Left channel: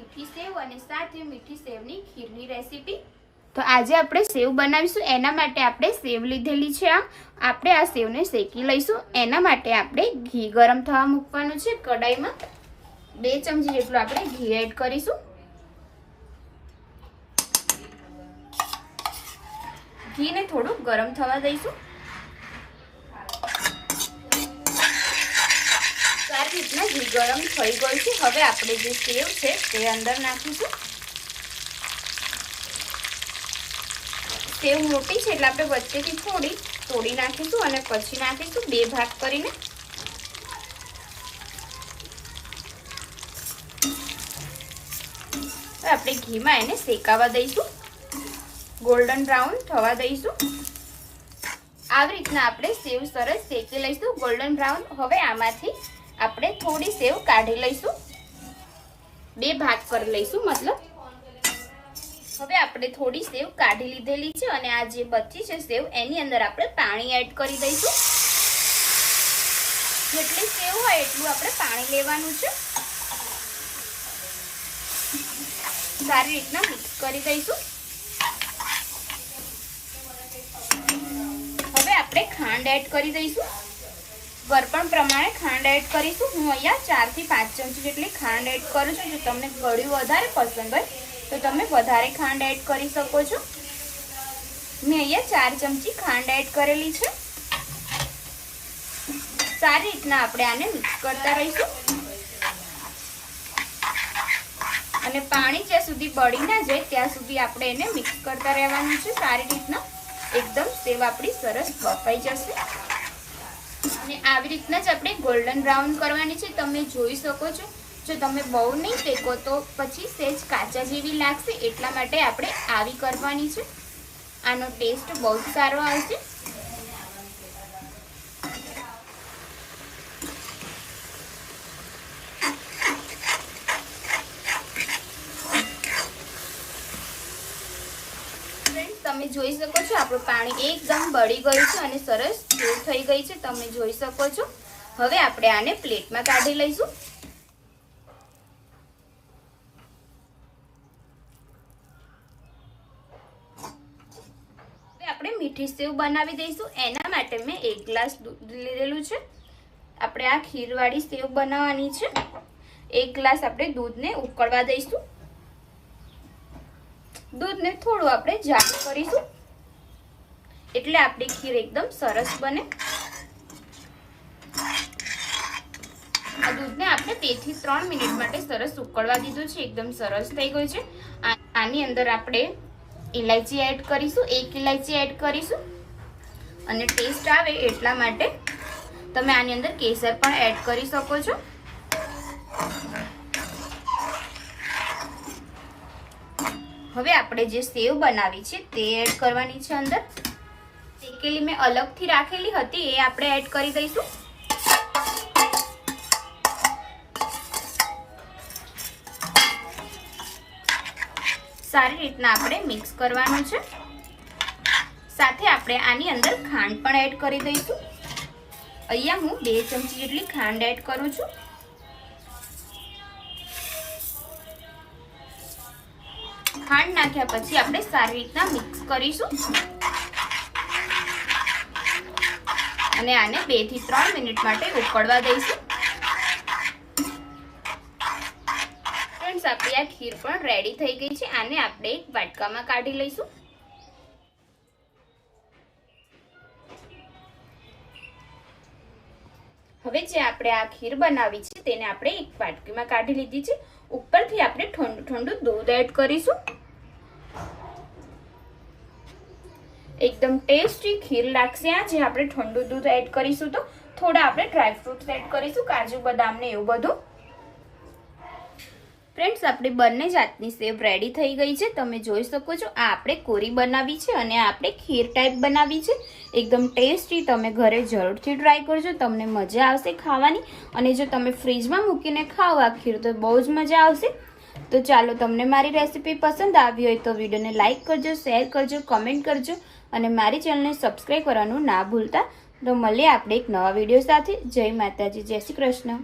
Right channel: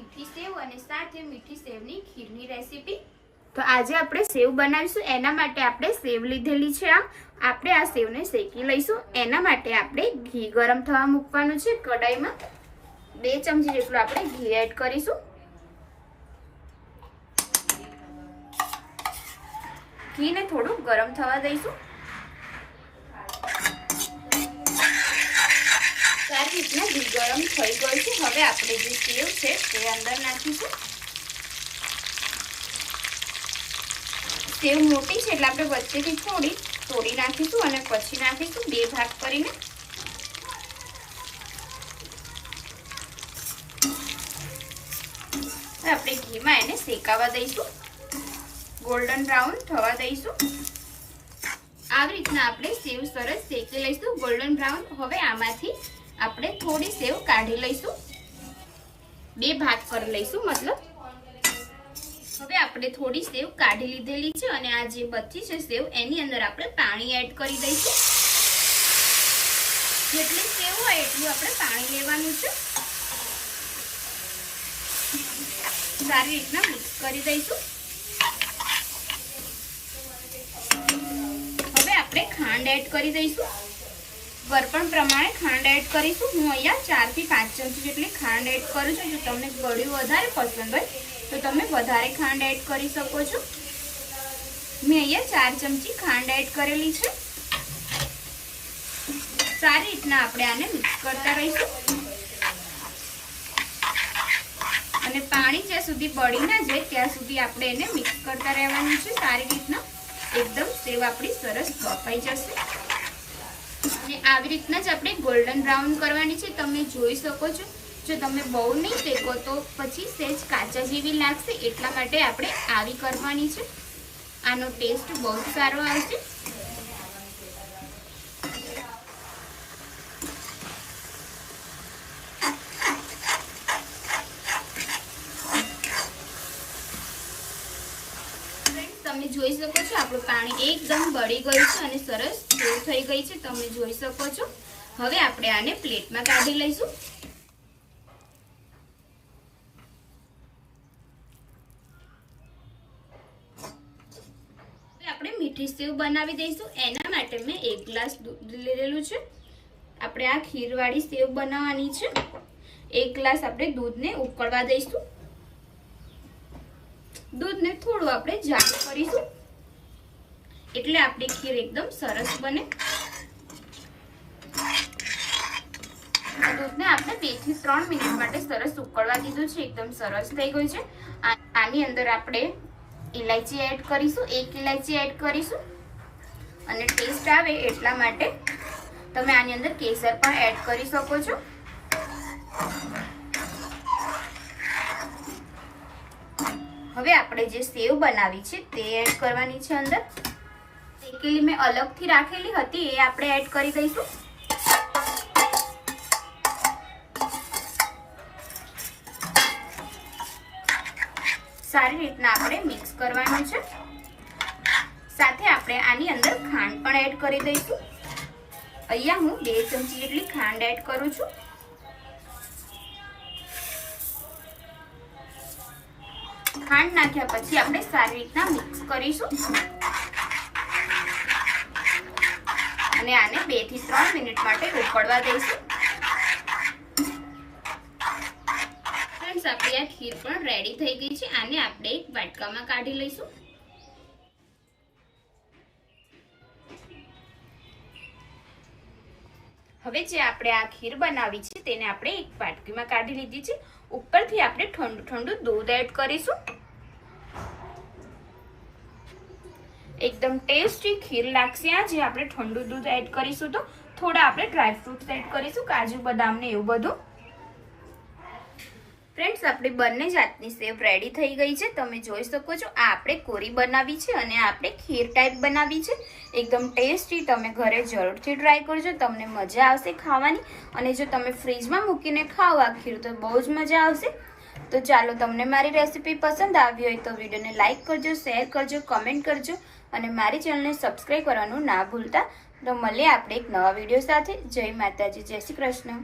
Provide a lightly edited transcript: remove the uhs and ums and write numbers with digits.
મીઠી સેવ અને સાથે મીઠી સેવની ખીરની રેસીપી। તો આજે આપણે સેવ બનાવીશું। એના માટે આપણે સેવ લીધેલી છે। આપણે આ સેવને શેકી લઈશું। એના માટે આપણે ઘી ગરમ થવા મૂકવાનું છે। કડાઈમાં 2 ચમચી જેટલું આપણે ઘી એડ કરીશું। ઘીને થોડું ગરમ થવા દઈશું। સારી રીતના ઘી ગરમ થઈ ગયું છે। હવે આપણે જે સેવ છે તે અંદર નાખીશું। સેવ મોટી છે એટલે આપણે વચ્ચેથી થોડી તોડી નાખીશું અને પછી નાખીશું 2 ભાગ કરીને। આપણે ઘીમાં એને શેકાવા દઈશું। ગોલ્ડન બ્રાઉન થવા દઈશું। આવી રીતના આપણે સેવ સરસ શેકી લઈશું ગોલ્ડન બ્રાઉન। હવે આમાંથી આપણે થોડી સેવ કાઢી લઈશું, 2 ભાગ કરી લઈશું મતલબ। હવે આપણે થોડી સેવ કાઢી લીધેલી છે અને આ જે બચી છે સેવ એની અંદર આપણે પાણી એડ કરી દઈશું। જેટલી સેવ હોય એટલું આપણે પાણી લેવાનું છે। સારી રીતના મિક્સ કરી દઈશું। હવે આપણે ખાંડ એડ કરી દઈશું। ગળપણ પ્રમાણે ખાંડ એડ કરીશું। હું અહીંયા 4 થી 5 ચમચી જેટલી ખાંડ એડ કરું છું। જો તમને ગળ્યું વધારે પસંદ હોય તો તમે વધારે ખાંડ એડ કરી શકો છો। મેં અહીંયા 4 ચમચી ખાંડ એડ કરેલી છે। સારી રીતના આપણે આને મિક્સ કરતા રહીશું અને પાણી જ્યાં સુધી બળી ના જાય ત્યાં સુધી આપણે એને મિક્સ કરતા રહેવાનું છે। સારી રીતના એકદમ સેવ આપણી સરસ બફાઈ જશે અને આવી રીતના જ આપણે ગોલ્ડન બ્રાઉન કરવાની છે। તમે જોઈ શકો છો। જો તમે બહુ નહીં શેકો તો પછી સહેજ કાચા જેવી લાગશે, એટલા માટે આપણે આવી કરવાની છે। આનો ટેસ્ટ બહુ સારો આવશે। તમે જોઈ શકો છો આપણું પાણી એકદમ બળી ગયું છે અને સરસ સેવ થઈ ગઈ છે, તમે જોઈ શકો છો। હવે આપણે આને પ્લેટમાં કાઢી લઈશું। હવે આપણે મીઠી સેવ બનાવી દઈશું। એના માટે મેં 1 ગ્લાસ દૂધ લીધેલું છે। આપણે આ ખીરવાળી સેવ બનાવવાની છે। 1 ગ્લાસ આપણે દૂધને ઉકળવા દઈશું। દૂધને થોડું આપણે જાડું કરીશું એટલે આપણી ખીર એકદમ સરસ બને। આ દૂધને આપણે 2 થી 3 મિનિટ માટે સરસ ઉકળવા દીધું છે। એકદમ સરસ થઈ ગયું છે। આની અંદર આપણે ઇલાયચી એડ કરીશું, 1 ઇલાયચી એડ કરીશું અને ટેસ્ટ આવે એટલા માટે તમે આની અંદર કેસર પણ એડ કરી શકો છો। હવે આપણે જે સેવ બનાવી છે તે એડ કરવાની છે અંદર। શેકેલી મેં અલગથી રાખેલી હતી એ આપણે એડ કરી દઈશું। સારી રીતના આપણે મિક્સ કરવાનું છે। સાથે આપણે આની અંદર ખાંડ પણ એડ કરી દઈશું। અહીંયા હું 2 ચમચી જેટલી ખાંડ એડ કરું છું। ખાંડ નાખ્યા પછી આપણે સારી રીતના મિક્સ કરીશું અને આને 2 થી 3 મિનિટ માટે ઉકળવા દઈશું। ફ્રેન્ડ્સ, આપણી આ ખીર પણ રેડી થઈ ગઈ છે। આને આપણે એક વાટકામાં કાઢી લઈશું। હવે જે આપણે આ ખીર બનાવી છે તેને આપણે એક વાટકીમાં કાઢી લીધી છે। ઉપરથી આપણે ઠંડુ ઠંડુ દૂધ એડ કરીશું। એકદમ ટેસ્ટી ખીર લાગશે આ, જે આપણે ઠંડુ દૂધ એડ કરીશું તો થોડા આપણે ડ્રાય ફ્રૂટ્સ એડ કરીશું, કાજુ બદામ ને એવું બધું। ફ્રેન્ડ્સ, આપણી બંને જાતની સેવ રેડી થઈ ગઈ છે, તમે જોઈ શકો છો। આ આપણે કોરી બનાવી છે અને આ આપણે ખીર ટાઈપ બનાવી છે। એકદમ ટેસ્ટી, તમે ઘરે જરૂરથી ટ્રાય કરજો, તમને મજા આવશે ખાવાની। અને જો તમે ફ્રીજમાં મૂકીને ખાઓ આ ખીર તો બહુ જ મજા આવશે। તો ચાલો, તમને મારી રેસીપી પસંદ આવી હોય તો વિડીયોને લાઈક કરજો, શેર કરજો, કમેન્ટ કરજો અને મારી ચેનલને સબસ્ક્રાઈબ કરવાનું ના ભૂલતા। તો મળીએ આપણે એક નવા વિડીયો સાથે। જય માતાજી, જય શ્રી કૃષ્ણ।